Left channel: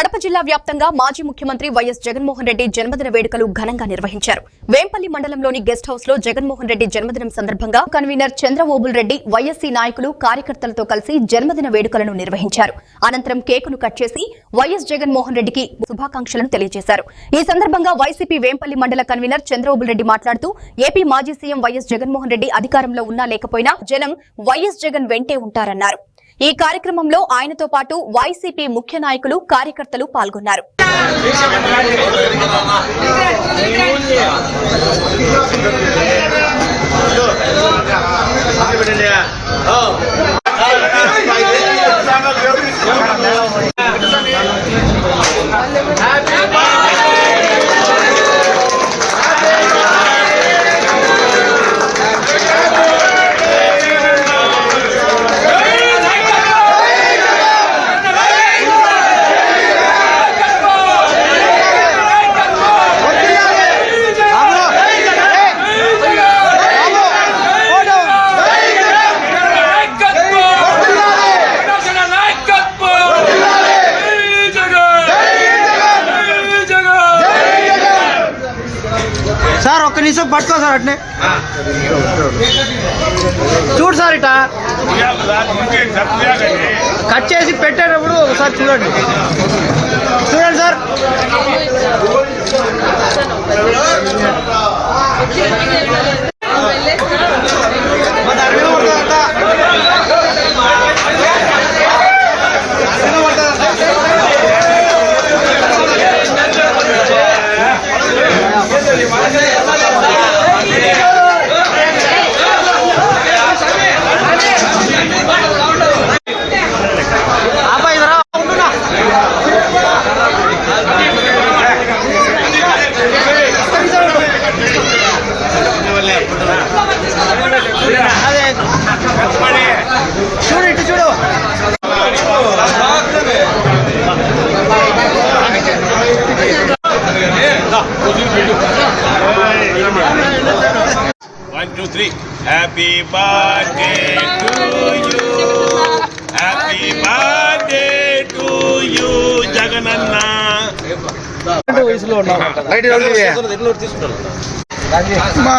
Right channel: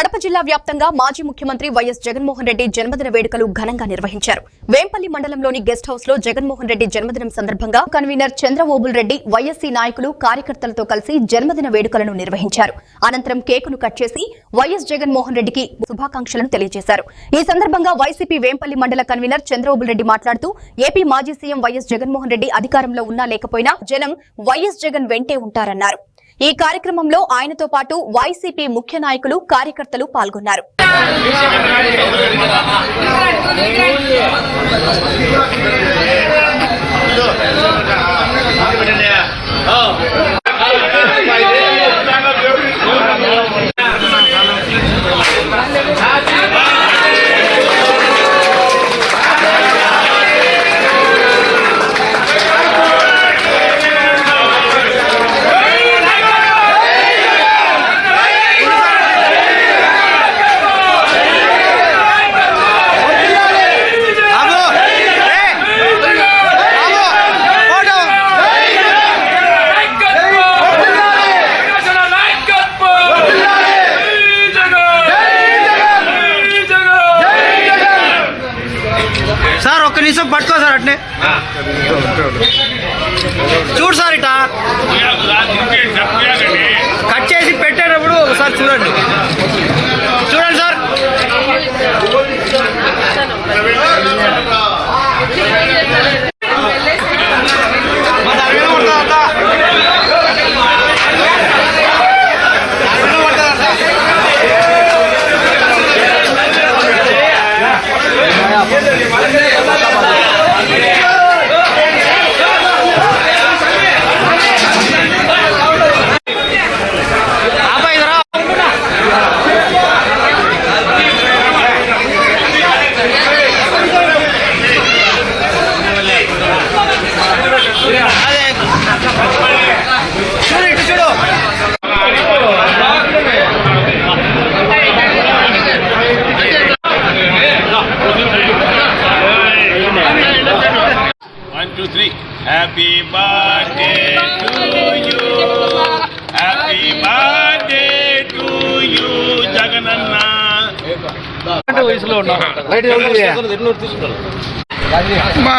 కడప జిల్లా వ్యాప్తంగా మాజీ ముఖ్యమంత్రి వైఎస్ జగన్మోహన్ రెడ్డి జన్మదిన వేడుకలు ఘనంగా నిర్వహించారు. వేంపల్లి మండలంలోని గెస్ట్ హౌస్ లో జగన్మోహన్ రెడ్డి జన్మదినం సందర్భంగా కన్వీనర్ చంద్రబాబు రెడ్డి వైఎస్సీ నాయకులు కార్యకర్తలతో కలిసి జన్మదిన వేడుకలను నిర్వహించారు. అనంతరం కేకును కట్ చేసి వైఎస్ జగన్మోహన్ రెడ్డికి శుభాకాంక్షలను తెలియజేశారు. ఈ సందర్భంగా వైసీపీ వేంపల్లి మండల కన్వీనర్ చంద్రబాబు రెడ్డి మాట్లాడుతూ ఏపీ మాజీ సీఎం వైఎస్ జగన్మోహన్ రెడ్డి అధికారంలో ఉన్నా లేకపోయినా జనం వైఎస్ జగన్ వెంటే ఉంటారన్నారు. ఈ కార్యక్రమంలో ఆయనతో పాటు వైసీపీ ముఖ్య నాయకులు కార్యకర్తలు పాల్గొన్నారు. సార్ ఒక్క నిమిషం పట్టుకో సార్, అట్నే చూడు సార్, ఇట కట్ చేసి పెట్టేటప్పుడు ఒకసారి చూడండి సార్. చూడు 1, 2, 3. Happy birthday to you. Happy birthday to you, Jagananna. మా